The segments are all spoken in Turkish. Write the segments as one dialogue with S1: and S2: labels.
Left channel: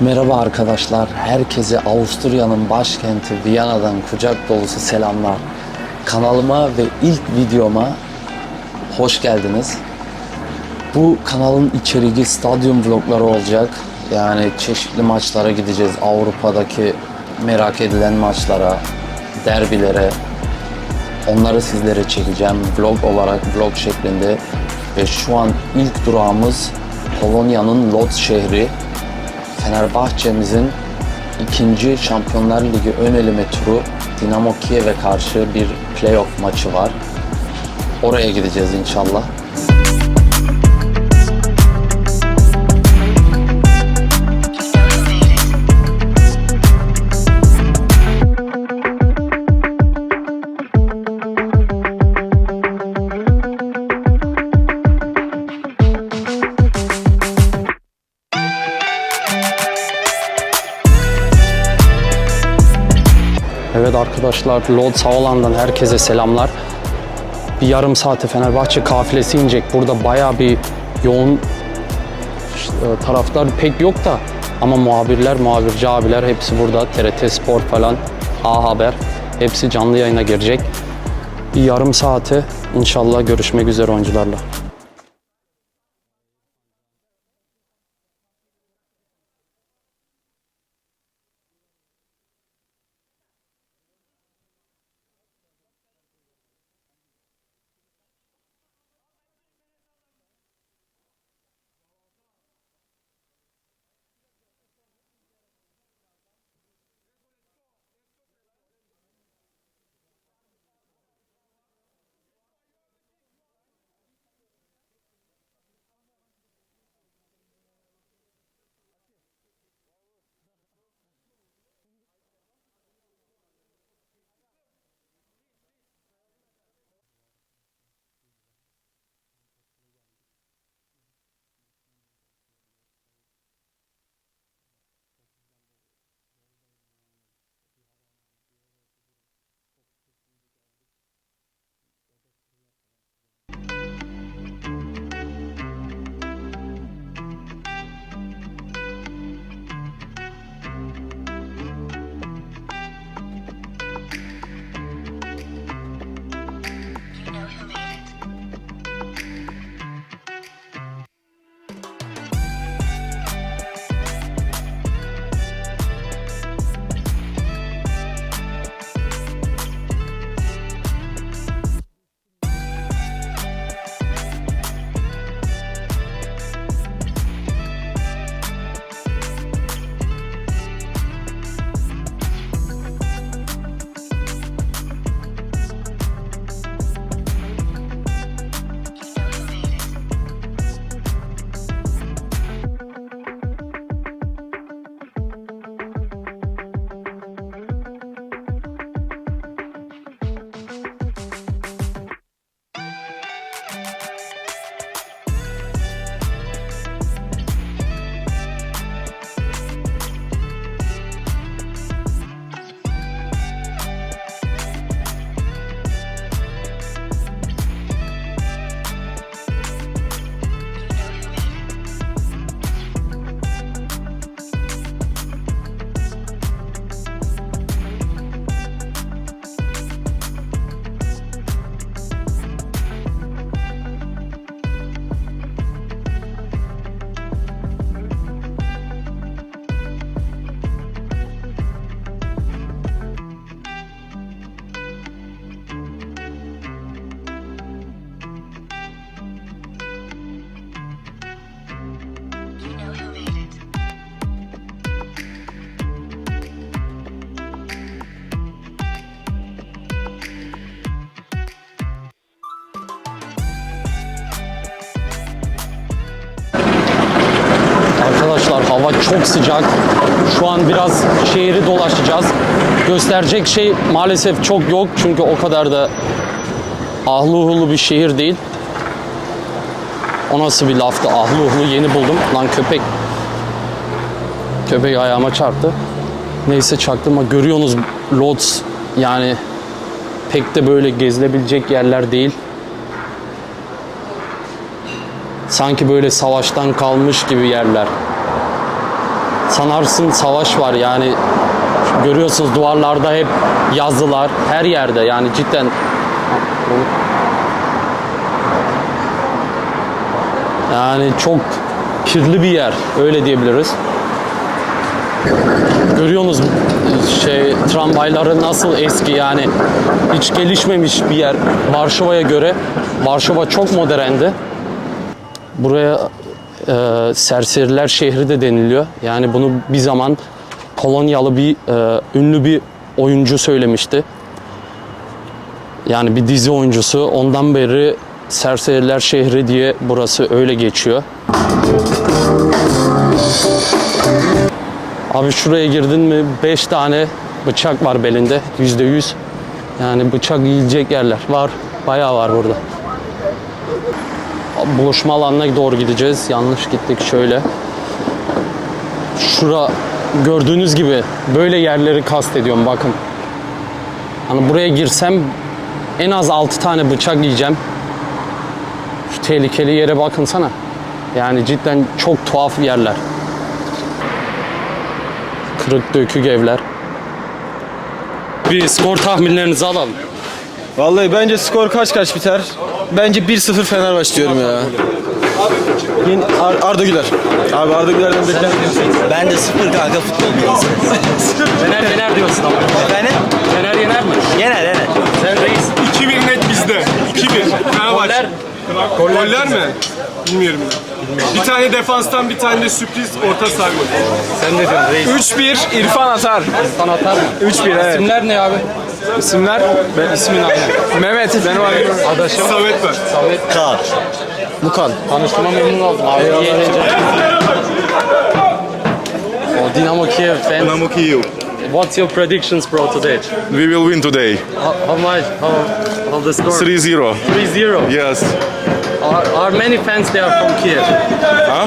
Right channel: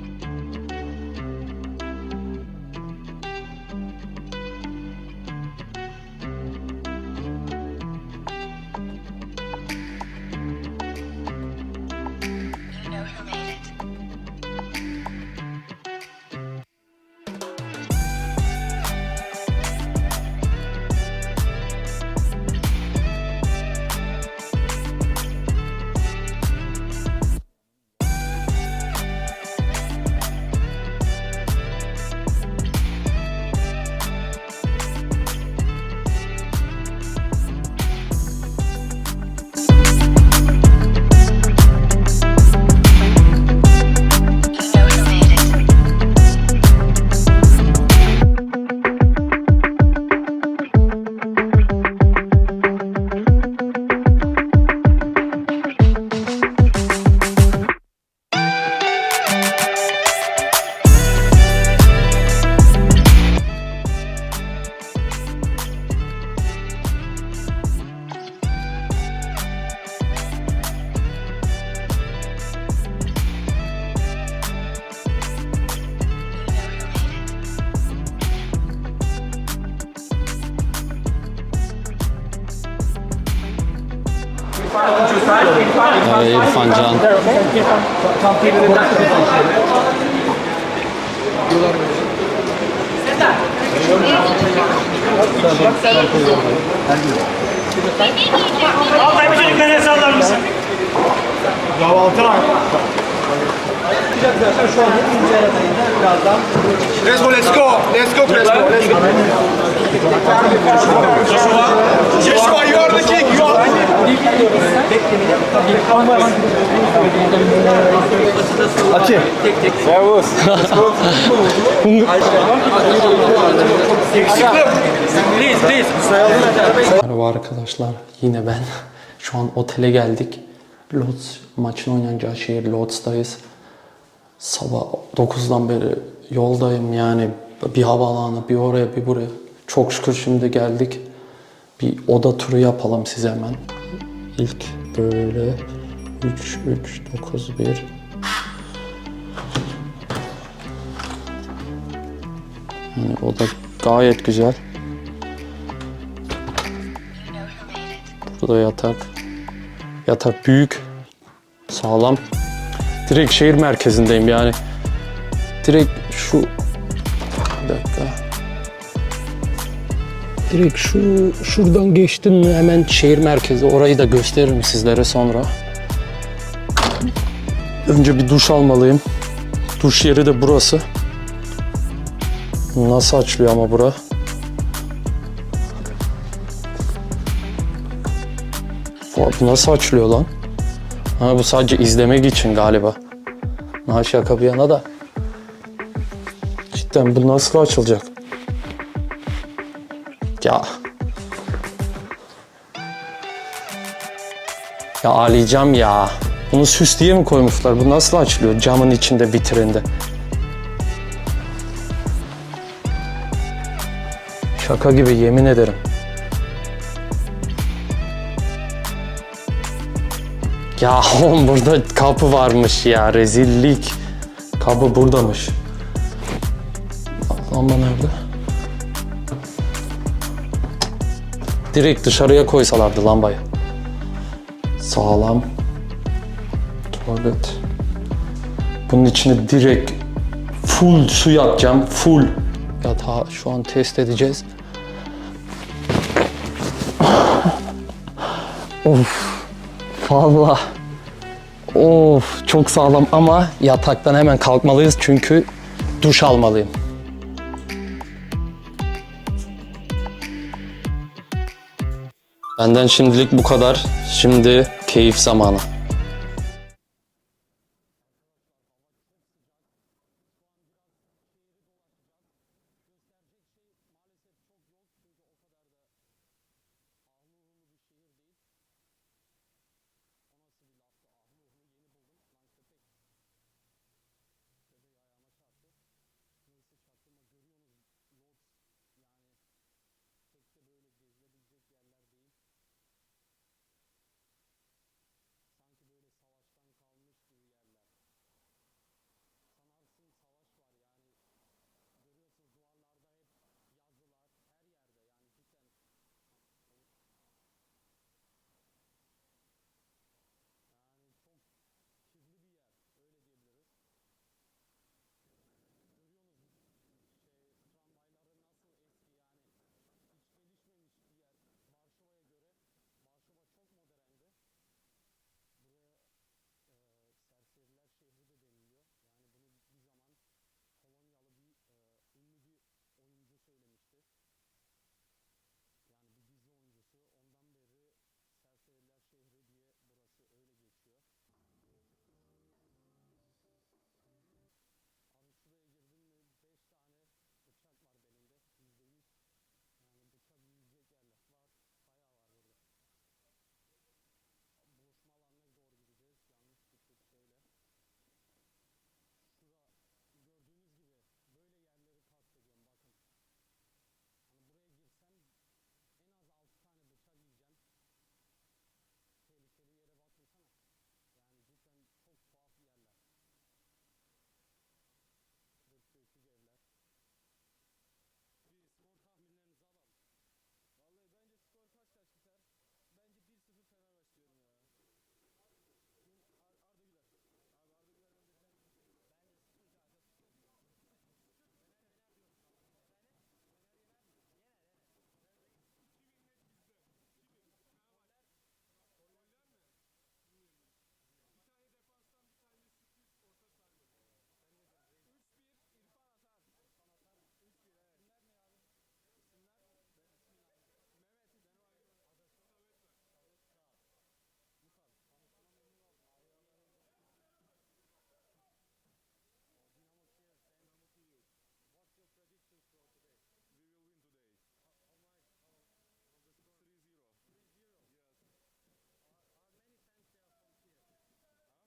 S1: Merhaba arkadaşlar. Herkese Avusturya'nın başkenti Viyana'dan kucak dolusu selamlar. Kanalıma ve ilk videoma hoş geldiniz. Bu kanalın içeriği stadyum vlogları olacak. Yani çeşitli maçlara gideceğiz. Avrupa'daki merak edilen maçlara, derbilere. Onları sizlere çekeceğim vlog olarak, vlog şeklinde. Ve şu an ilk durağımız Polonya'nın Lodz şehri. Fenerbahçe'mizin ikinci Şampiyonlar Ligi ön eleme turu Dinamo Kiev'e karşı bir playoff maçı var. Oraya gideceğiz inşallah. Arkadaşlar Lodz Havalan'dan herkese selamlar. Bir yarım saate Fenerbahçe kafilesi inecek. Burada bayağı bir yoğun taraftar pek yok da ama muhabirler, muhabirci abiler hepsi burada. TRT Spor falan, A Haber hepsi canlı yayına girecek. Bir yarım saate inşallah görüşmek üzere oyuncularla. Ee, İrfan Can.
S2: Altay bir çocuk nereye sallar mısın? Kahvaltı var.
S3: Crespo, let's go. Let's go, Crespo. Let's go. Joshua, you are the king. You are Ati. Servus.
S2: Please, please.
S1: Merhaba arkadaşlar, yine ben. Şu an otele geldik. Lodz, maçın oynanacağı şehir Lodz'dayız. Sabah 9'dan beri yoldayım yani. Bir havaalanı, bir oraya, bir buraya. Çok şükür şimdi geldik. Bir oda turu yapalım size hemen. İlk böyle 3, 3, 9, 1. Yani oda gayet güzel. Burada yatak. Yatak büyük. Sağlam. Direkt şehir merkezindeyim yani. Direkt şu... Direkt şu şuradan geçtin mi hemen şehir merkezi. Orayı da gösteririm sizlere sonra. Önce bir duş almalıyım. Duş yeri de burası. Nasıl açılıyor ama bura? Bu nasıl açılıyor lan? Ha bu sadece izlemek için galiba. Ha şaka bir yana da. Cidden bu nasıl açılacak? Ya. Ya ağlayacağım ya. Bunu süs diye mi koymuşlar? Bu nasıl açılıyor camın içinde vitrinde? Şaka gibi yemin ederim. Ya oğlum burada kapı varmış ya rezillik. Kapı buradamış. Direkt dışarıya koysalardı lambayı. Sağlam. Tuvalet. Bunun içine direkt full su yapacağım. Full. Yatağı şu an test edeceğiz. of. Vallahi. Of çok sağlam ama yataktan hemen kalkmalıyız çünkü duş almalıyım. Benden şimdilik bu kadar. Şimdi keyif zamanı. Arkadaşlar hava çok sıcak. Şu an biraz şehri dolaşacağız. Gösterecek şey maalesef çok yok çünkü o kadar da ahlı uhlu bir şehir değil. O nasıl bir laftı? Ahlı uhlu yeni buldum. Lan köpek. Köpek ayağıma çarptı. Neyse çaktırma. Görüyorsunuz Lodz yani pek de böyle gezilebilecek yerler değil. Sanki böyle savaştan kalmış gibi yerler. sanarsın savaş var yani görüyorsunuz duvarlarda hep yazılar her yerde yani cidden yani çok kirli bir yer öyle diyebiliriz. Görüyorsunuz şey tramvayları nasıl eski yani hiç gelişmemiş bir yer Varşova'ya göre. Varşova çok moderndi. Buraya e, serseriler şehri de deniliyor. Yani bunu bir zaman Polonyalı bir e, ünlü bir oyuncu söylemişti. Yani bir dizi oyuncusu. Ondan beri serseriler şehri diye burası öyle geçiyor. Abi şuraya girdin mi 5 tane bıçak var belinde yüzde yüz. Yani bıçak yiyecek yerler var. Bayağı var burada. Buluşma alanına doğru gideceğiz. Yanlış gittik şöyle. Şura gördüğünüz gibi böyle yerleri kastediyorum bakın. Hani buraya girsem en az 6 tane bıçak yiyeceğim. Şu tehlikeli yere bakınsana. Yani cidden çok tuhaf yerler. Kırık dökük evler. Bir skor tahminlerinizi alalım.
S3: Vallahi bence skor kaç kaç biter? Bence 1-0 Fenerbahçe diyorum ya. Yine Ar- Arda Güler. Abi Arda Güler'den beklentiyorsun.
S4: Ben de sıfır kanka futbol bilgisi.
S1: Fener yener diyorsun ama.
S4: Efendim?
S1: Fener yener mi?
S4: Yener yener.
S1: Sen reis.
S2: 2-1 net bizde. 2-1. Fenerbahçe. Goller mi? Bilmiyorum. Bir tane defanstan bir tane de sürpriz orta saha golü.
S1: Sen ne diyorsun reis?
S3: 3-1 İrfan atar.
S1: Sana atar mı?
S3: 3-1 evet.
S1: İsimler ne abi?
S3: İsimler? Ben ismin aynı. Mehmet benim adım.
S1: Adaşım.
S2: Samet var.
S1: Samet.
S4: Kaan.
S3: Bukan.
S1: Tanıştığıma memnun oldum abi. İyi eğlenceler. O Dinamo Kiev fans.
S5: Dinamo Kyiv.
S1: What's your predictions bro today?
S5: We will win today.
S1: How, how much? How, how the score?
S5: 3-0.
S1: 3-0.
S5: Yes.
S1: Are, are many fans there from Kiev?
S5: Huh?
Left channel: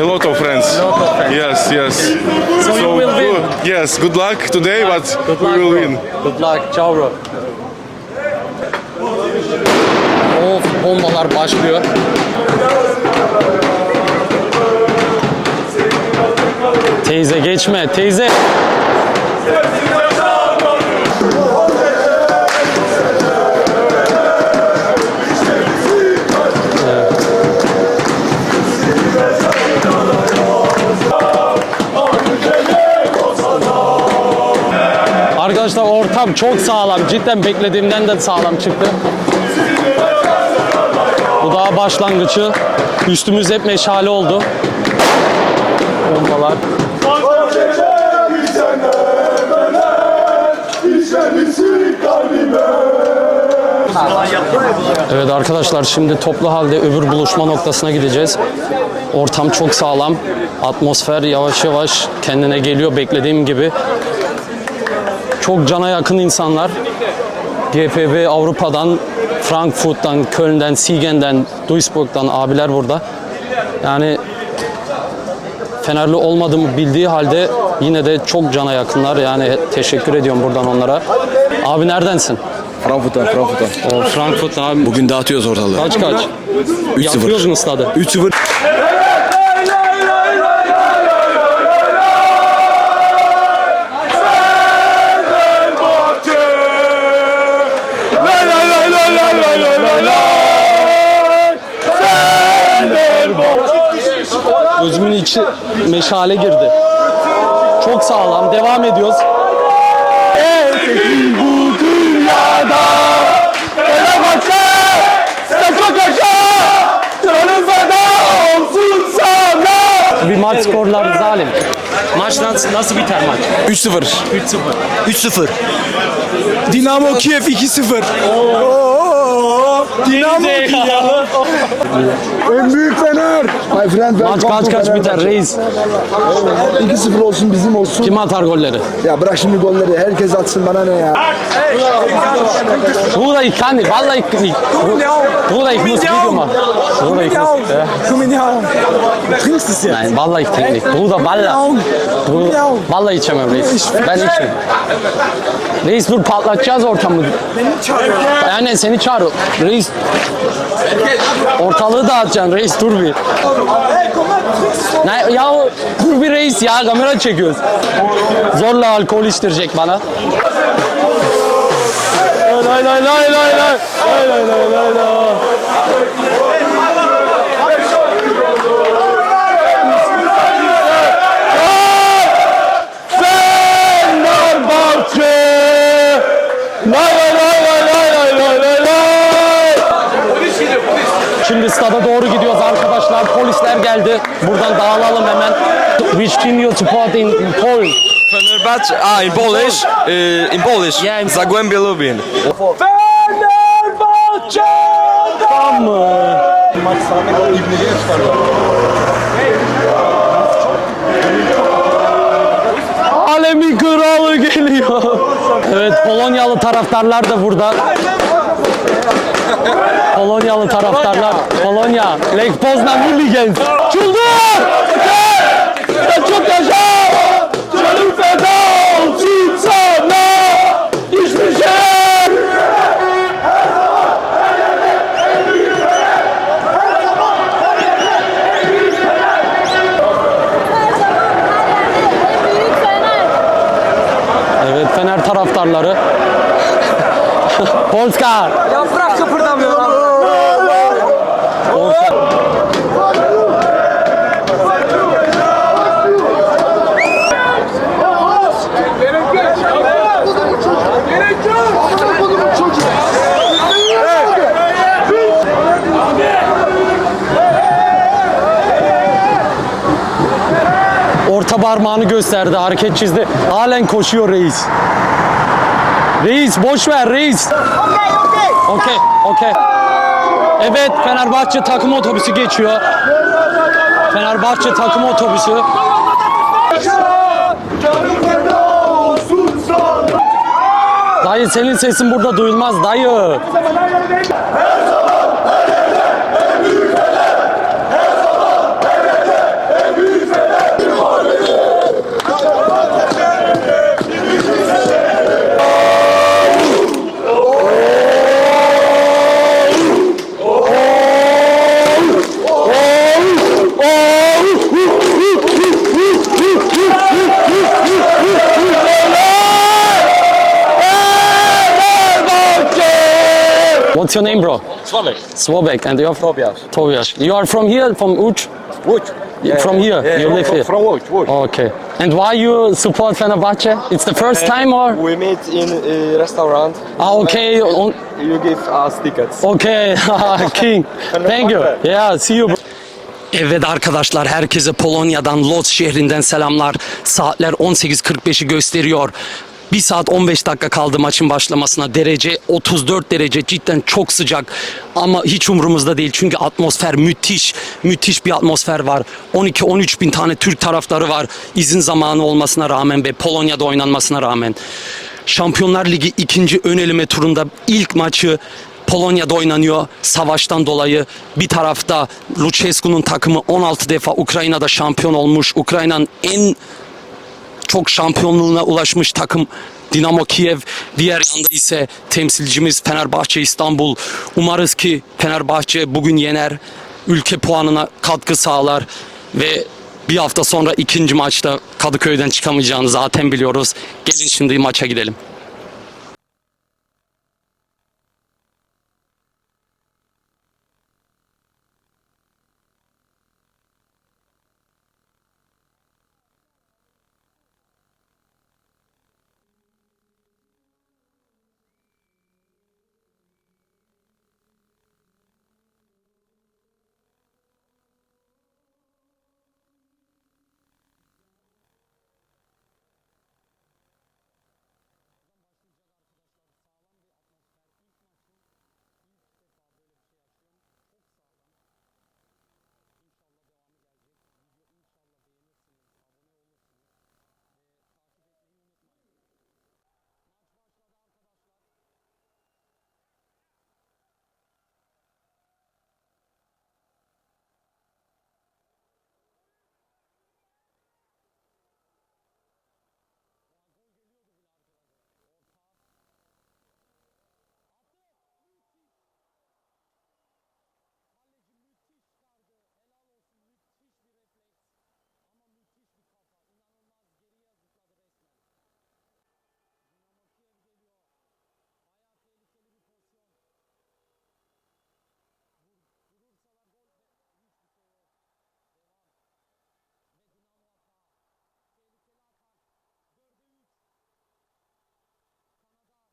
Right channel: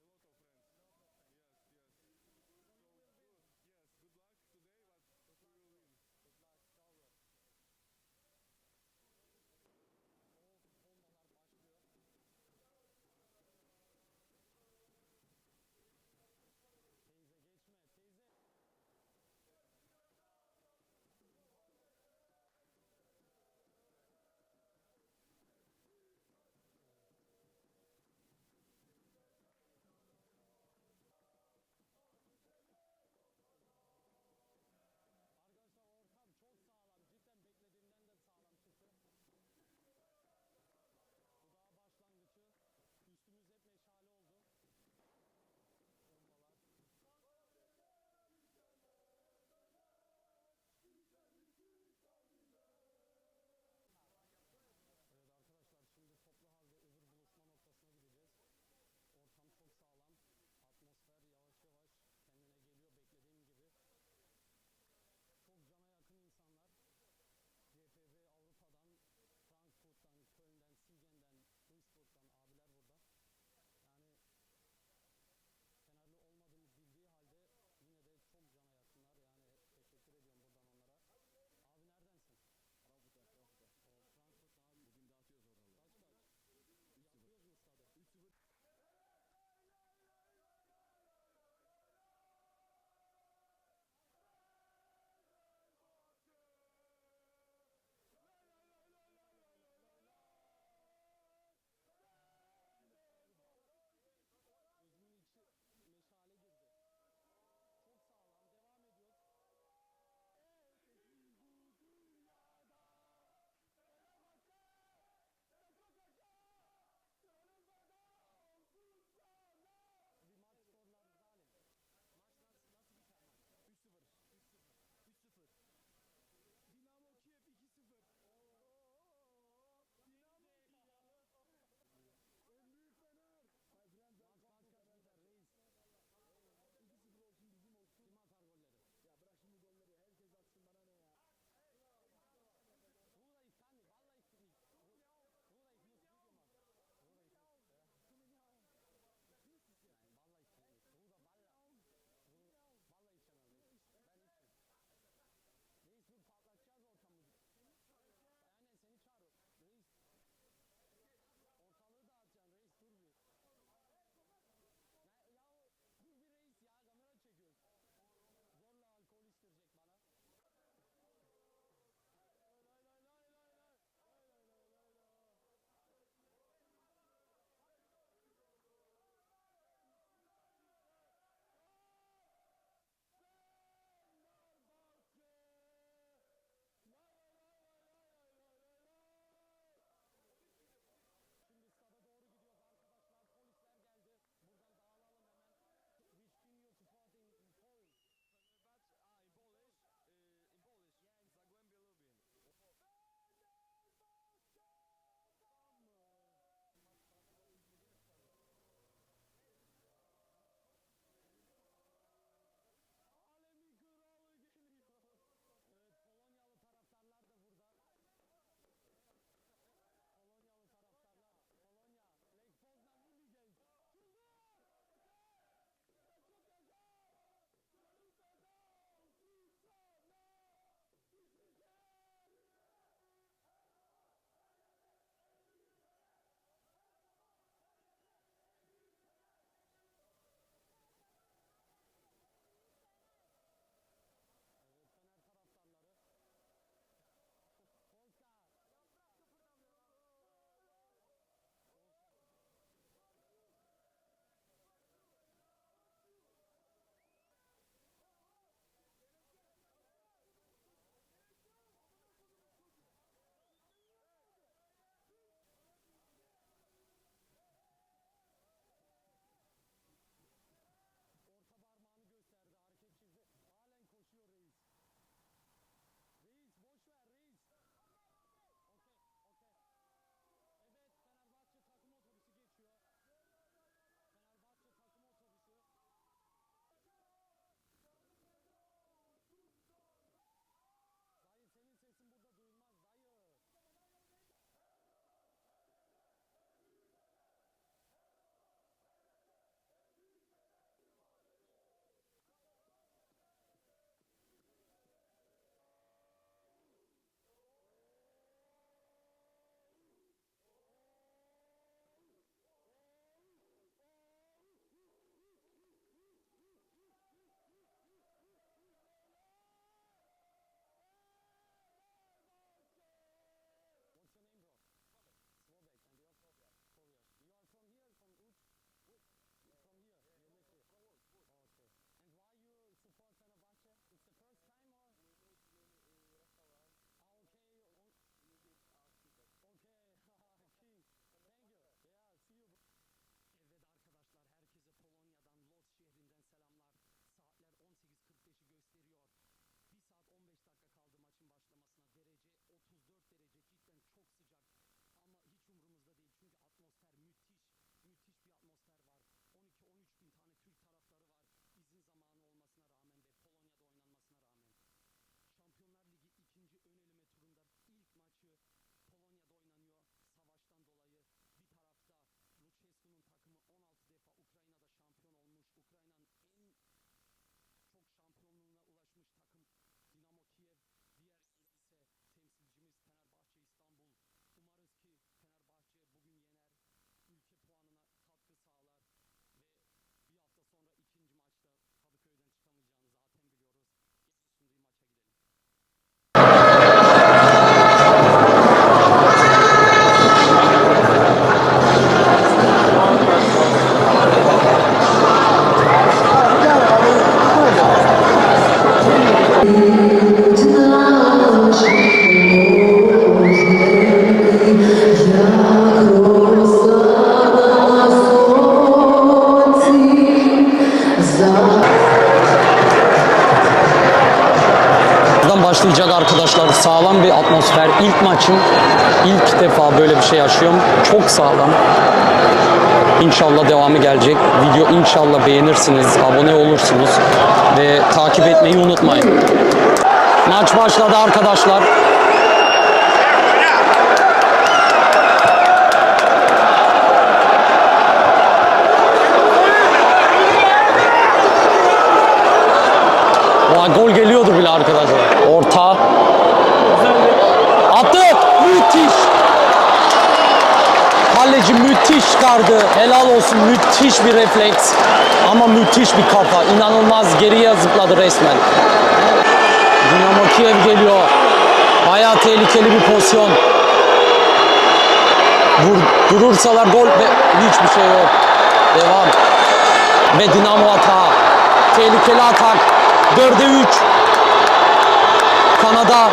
S5: A lot of friends.
S1: A lot of fans.
S5: Yes, yes.
S1: So, you will win.
S5: Yes, good luck today, but
S1: Good
S5: we
S1: luck,
S5: will
S1: bro.
S5: win.
S1: Good luck. Ciao bro. Of bombalar başlıyor. Teyze geçme teyze. Çok sağlam. Cidden beklediğimden de sağlam çıktı. Bu daha başlangıcı. Üstümüz hep meşale oldu. Bombalar. Evet arkadaşlar şimdi toplu halde öbür buluşma noktasına gideceğiz. Ortam çok sağlam. Atmosfer yavaş yavaş kendine geliyor beklediğim gibi. Çok cana yakın insanlar. GFB Avrupa'dan, Frankfurt'tan, Köln'den, Siegen'den, Duisburg'dan abiler burada. Yani Fenerli olmadığımı bildiği halde yine de çok cana yakınlar. Yani teşekkür ediyorum buradan onlara. Abi neredensin?
S3: Frankfurt'tan, Frankfurt'tan.
S1: O Frankfurt'tan abi.
S3: Bugün dağıtıyoruz ortalığı.
S1: Kaç kaç?
S3: 3-0.
S1: Yapıyoruz mu stadı?
S3: 3-0.
S1: İçi meşale girdi. Çok sağlam. Devam ediyoruz. bu dünyada Fenerbahçe Canım feda olsun sana Bir maç skorları zalim. Maç nasıl, nasıl biter maç?
S3: 3-0.
S1: 3-0.
S3: 3-0. Dinamo Kiev 2-0. Dinamo
S6: En büyük Fener. My friend
S1: Maç kaç kaç biter reis?
S6: 2-0 olsun bizim olsun.
S1: Kim atar golleri?
S6: Ya bırak şimdi golleri. Herkes atsın bana ne ya.
S1: Bruder, ich kann nicht. Wallah, ich nicht. Bruder, ich muss Video machen. Bruder, ich muss. Ja.
S6: Komm in die Augen. Du trinkst es jetzt.
S1: Nein, vallahi ich trinke nicht. Bruder, wallah. Bruder, vallahi içemem reis. Ben içmem. Reis dur patlatacağız ortamı. Beni çağırıyor. Yani seni çağır. Reis. Ortalığı dağıtacaksın reis dur bir. Ne, ya dur bir reis ya kamera çekiyoruz. Zorla alkol içtirecek bana. Lay lay lay lay lay lay lay lay lay lay. Şimdi stada doğru gidiyoruz arkadaşlar. Polisler geldi. Buradan dağılalım hemen. Which team you support in, in Poland?
S7: Fenerbahce, ah, in Polish, uh, in Polish,
S1: Yeah, in-
S7: Zagłębie Lubin.
S1: Tamam mı? Alemin kralı geliyor. Evet Polonyalı taraftarlar da burada. Polonyalı taraftarlar. Polonya. Lech Poznan Hooligans. Çıldır! Çok yaşa! Canım feda olsun sana! Hiçbir şey!
S8: Büyük Fener.
S1: Evet Fener taraftarları. Polska.
S3: Yaprak kıpırdamıyor lan.
S1: Orta parmağını gösterdi, hareket çizdi. Halen koşuyor reis. Reis boş ver reis. Okey, okey. Evet Fenerbahçe takım otobüsü geçiyor. Fenerbahçe takım otobüsü. Dayı senin sesin burada duyulmaz dayı. What's your name, bro?
S3: Sławek.
S1: Swobek, and you're from Tobias. You are from here, from Uch?
S3: Łódź.
S1: from here, you live here.
S3: From Łódź, Łódź.
S1: Okay. And why you support Fenerbahce? It's the first time or?
S3: We meet in uh, restaurant.
S1: Ah, okay.
S3: You give us tickets.
S1: Okay, King. Thank you. Yeah, see you. bro. Evet arkadaşlar herkese Polonya'dan Lodz şehrinden selamlar. Saatler 18.45'i gösteriyor. 1 saat 15 dakika kaldı maçın başlamasına. Derece 34 derece cidden çok sıcak. Ama hiç umurumuzda değil çünkü atmosfer müthiş. Müthiş bir atmosfer var. 12-13 bin tane Türk taraftarı var. İzin zamanı olmasına rağmen ve Polonya'da oynanmasına rağmen. Şampiyonlar Ligi ikinci ön eleme turunda ilk maçı Polonya'da oynanıyor savaştan dolayı. Bir tarafta Lucescu'nun takımı 16 defa Ukrayna'da şampiyon olmuş. Ukrayna'nın en çok şampiyonluğuna ulaşmış takım Dinamo Kiev. Diğer yanda ise temsilcimiz Fenerbahçe İstanbul. Umarız ki Fenerbahçe bugün yener. Ülke puanına katkı sağlar ve bir hafta sonra ikinci maçta Kadıköy'den çıkamayacağını zaten biliyoruz. Gelin şimdi maça gidelim. Sağlam. İnşallah devamı gelecek. Video inşallah beğenirsiniz, abone olursunuz ve takip etmeyi unutmayın. Maç başladı arkadaşlar. Vay, gol geliyordu bile arkadaşlar. Orta. Attı. Müthiş. Kaleci müthiş. müthiş çıkardı. Helal olsun. Müthiş bir refleks. Ama müthiş bir kafa. İnanılmaz geriye zıpladı resmen. Dinamo Kiev geliyor. Bayağı tehlikeli bir pozisyon. Vur, durursalar gol ve hiçbir şey yok. Devam. Ve Dinamo atağı. Tehlikeli atak. 4'e 3. Kanada.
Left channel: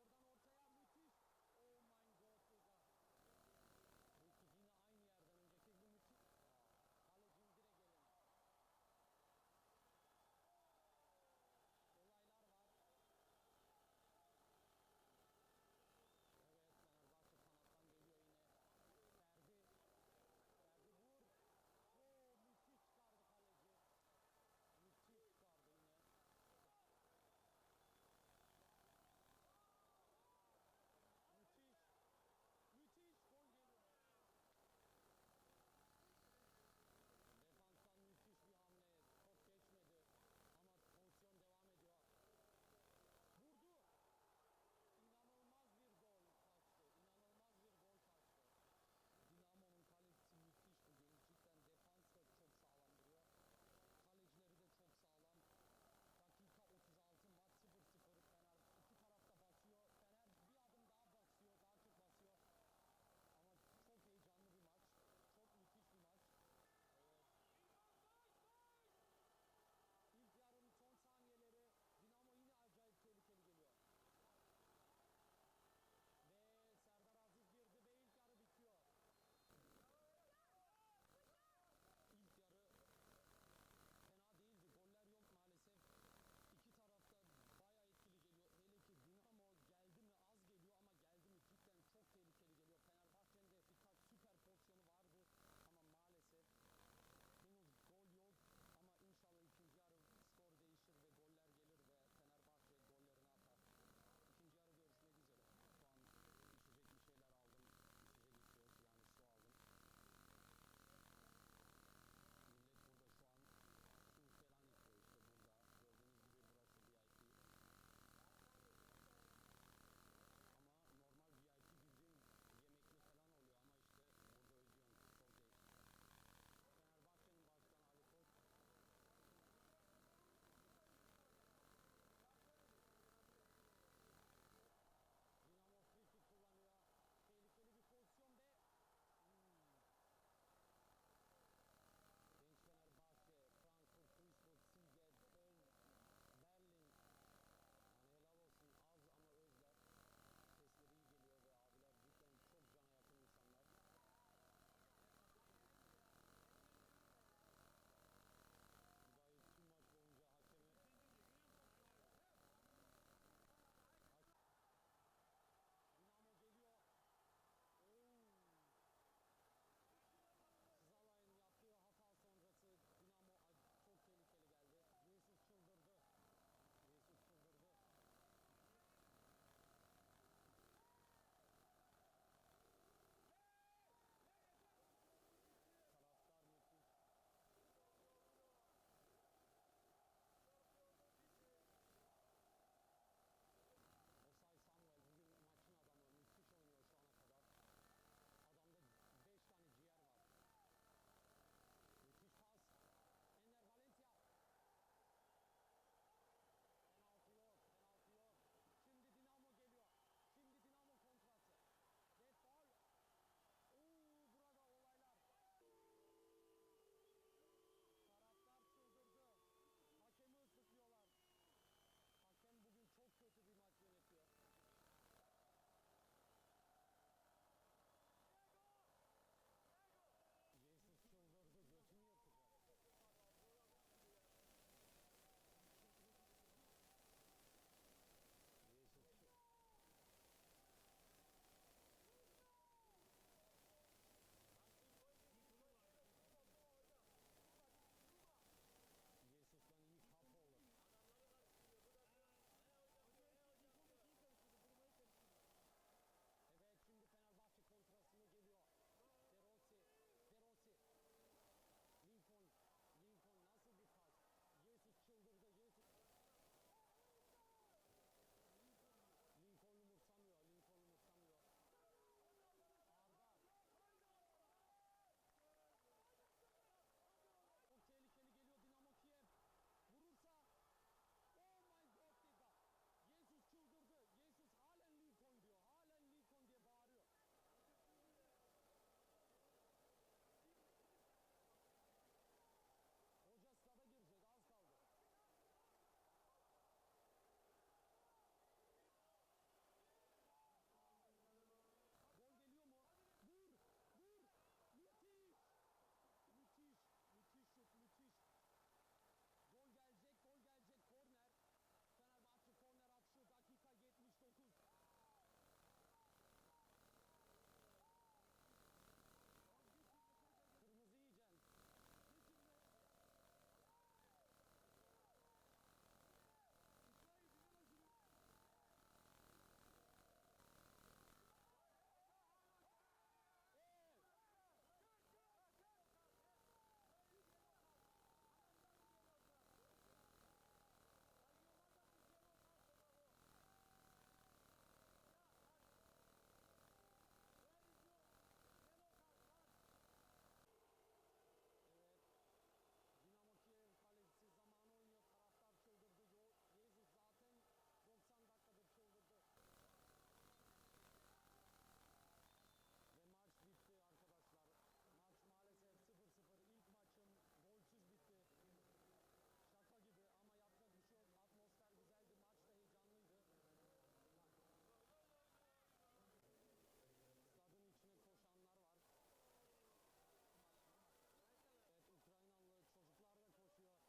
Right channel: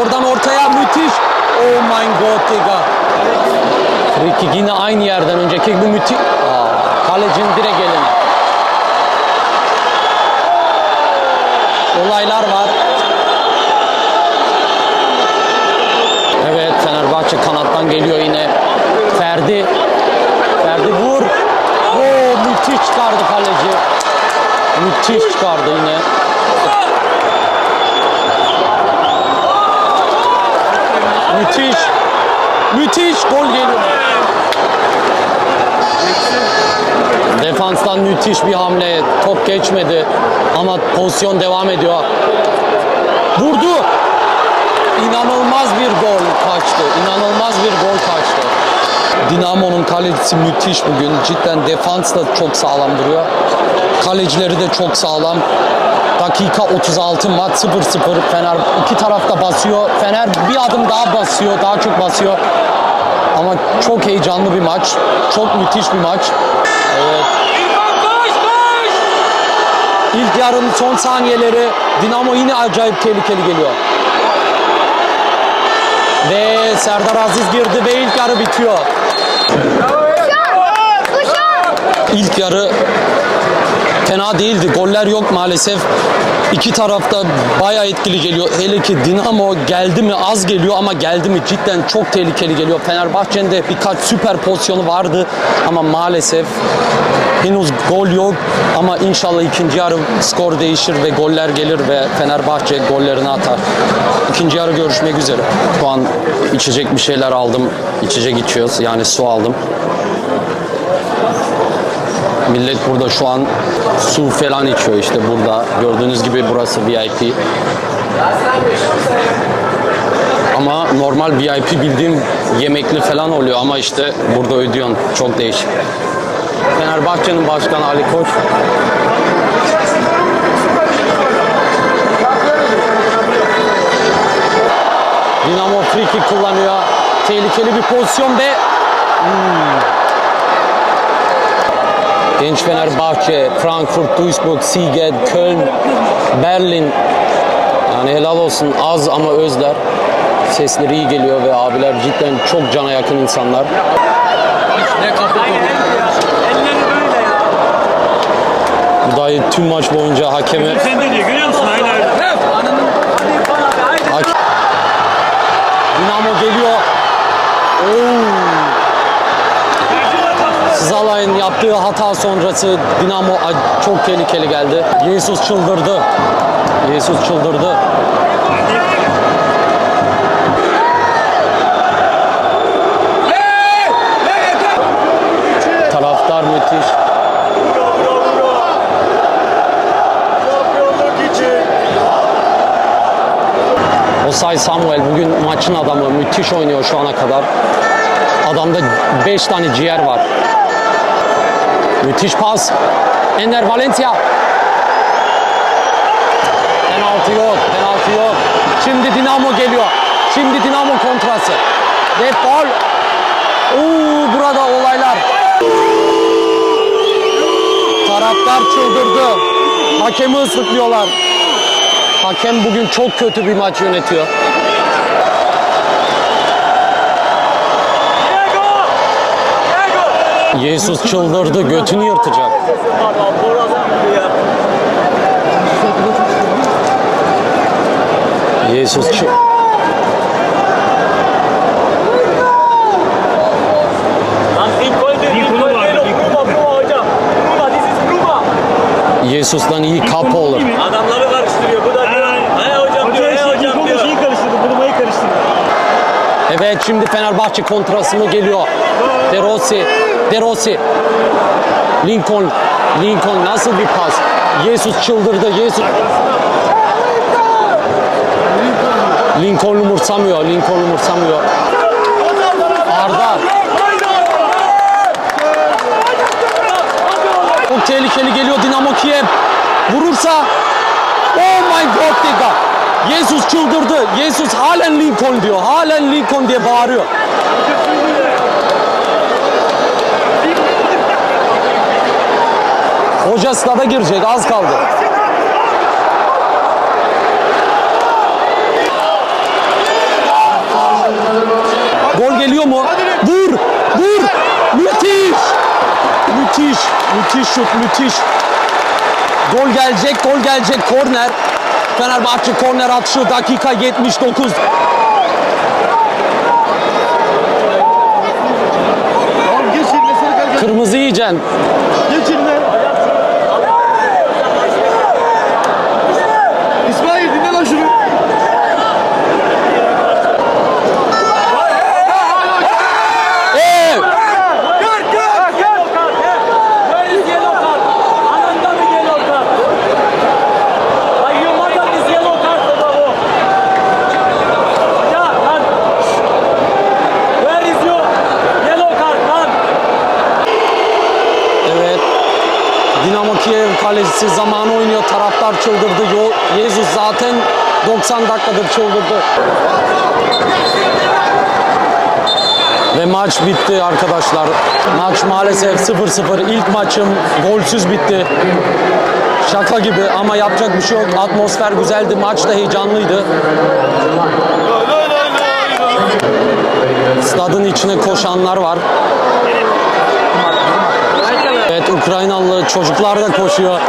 S1: Oradan ortaya müthiş. Oh my god Digga. Free kick yine aynı yerden önceki bu müthiş. Kalecinin direkt eline. Olaylar var. Evet Fenerbahçe kanattan geliyor yine. Ferdi. Ferdi vur. Oo, müthiş çıkardı kaleci. Müthiş çıkardı yine. Müthiş. Müthiş gol geliyor. Defanstan müthiş bir hamle. Top geçmedi ama pozisyon devam ediyor. Vurdu. İnanılmaz bir gol kaçtı. İnanılmaz bir gol kaçtı. Dinamo'nun kalecisi müthiş bugün. Cidden defans da çok sağlam duruyor. Kalecileri de çok sağlam. Dakika 36 maç 0-0. Fener iki tarafta basıyor. Fener bir adım daha basıyor. Daha çok basıyor. Ama çok heyecanlı bir maç. Çok müthiş bir maç. Evet. İlk yarının son saniyeleri Dinamo yine acayip tehlikeli geliyor. Ve Serdar Aziz girdi ve ilk yarı bitiyor. İlk yarı fena değildi. Goller yok maalesef. İki tarafta bayağı etkili geliyor. Hele ki Dinamo geldi mi az geliyor ama geldi mi cidden çok tehlikeli geliyor. Fenerbahçe'nin de birkaç süper pozisyonu vardı ama maalesef henüz gol yok. Ama inşallah ikinci yarı skor değişir ve goller gelir ve Fenerbahçe gollerini atar. İkinci yarı görüşmek üzere. Şu an içecek bir şeyler aldım. İçecek içiyoruz. Yani su aldım. Millet burada şu an su falan içiyor işte burada. Gördüğünüz gibi burası VIP. Ama normal VIP bildiğim yemekli falan oluyor ama işte burada ödüyorsun. Çok değişik. Fenerbahçe'nin başkanı Ali Koç. Dinamo free kick kullanıyor. Tehlikeli bir pozisyon ve Genç Fenerbahçe, Frankfurt, Duisburg, Siget, Köln, Berlin. Yani helal olsun az ama özler. Sesleri iyi geliyor ve abiler cidden çok cana yakın insanlar. Bu dayı tüm maç boyunca hakeme...
S8: Sen de diyor görüyor musun? Aynen öyle.
S1: Dinamo geliyor. Oo. Zalay'ın yaptığı hata sonrası Dinamo çok tehlikeli geldi. Jesus çıldırdı. Jesus çıldırdı. Taraftar müthiş. Osay Samuel bugün maçın adamı. Müthiş oynuyor şu ana kadar. Adamda 5 tane ciğer var. Müthiş pas. Ender Valencia. Penaltı yok, penaltı yok. Şimdi Dinamo geliyor. Şimdi Dinamo kontrası. Ve faul. Oo, burada olaylar. Taraftar çıldırdı. Hakemi ıslıklıyorlar. Hakem bugün çok kötü bir maç yönetiyor. Jesus çıldırdı, götünü yırtacak. Jesus çı-
S8: Lan ilk gol değil. İlk gol değil. Bruma, Bruma hocam. Bruma, this is Bruma.
S1: Jesus'tan iyi kapı olur.
S8: Adamları karıştırıyor. Bu da diyor. He hocam diyor. He hocam diyor. Şeyi karıştırdı. Bruma'yı karıştırdı.
S1: Evet şimdi Fenerbahçe kontrası mı geliyor? De Rossi, De Rossi. Lincoln, Lincoln nasıl bir pas? Jesus çıldırdı, Jesus. Lincoln umursamıyor, Lincoln umursamıyor. Arda. Çok tehlikeli geliyor Dinamo Kiev. Vurursa Oh my god Digga. Jesus çıldırdı. Jesus halen Lincoln diyor. Halen Lincoln diye bağırıyor. Hoca stada girecek. Az kaldı. Gol geliyor mu? Vur! Vur! Müthiş! Müthiş! Müthiş şut, müthiş. Gol gelecek, gol gelecek. Korner. Fenerbahçe korner atışı dakika 79. Kırmızı yiyeceksin.
S3: İsmail dinle lan şunu.
S1: Ee,
S8: Where is yellow card? Ananda bir yellow card. Like you mother is yellow card baba bu. Ya lan. Where is your yellow card lan?
S1: Evet. Dinamo Kiev kalecisi zamanı oynuyor. Taraftar çıldırdı. Yo- Jesus zaten 90 dakikadır çıldırdı. Ve maç bitti arkadaşlar. Maç maalesef 0-0. İlk maçım golsüz bitti. Şaka gibi ama yapacak bir şey yok. Atmosfer güzeldi. Maç da heyecanlıydı. Stadın içine koşanlar var. Evet Ukraynalı çocuklar da koşuyor.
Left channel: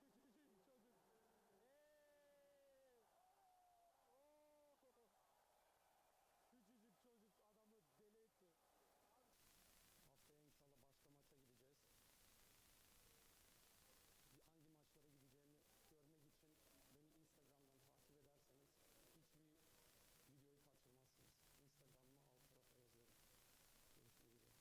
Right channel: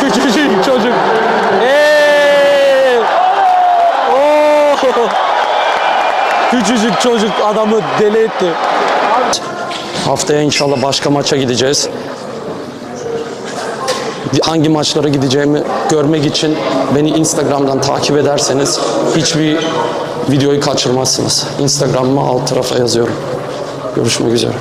S1: Küçücük çocuk. Hey! Oo! Küçücük çocuk adamı deli etti. Haftaya inşallah başka maça gideceğiz. Hangi maçlara gideceğimi görmek için beni Instagram'dan takip ederseniz hiçbir videoyu kaçırmazsınız. Instagram'ıma alt tarafa yazıyorum. Görüşmek üzere.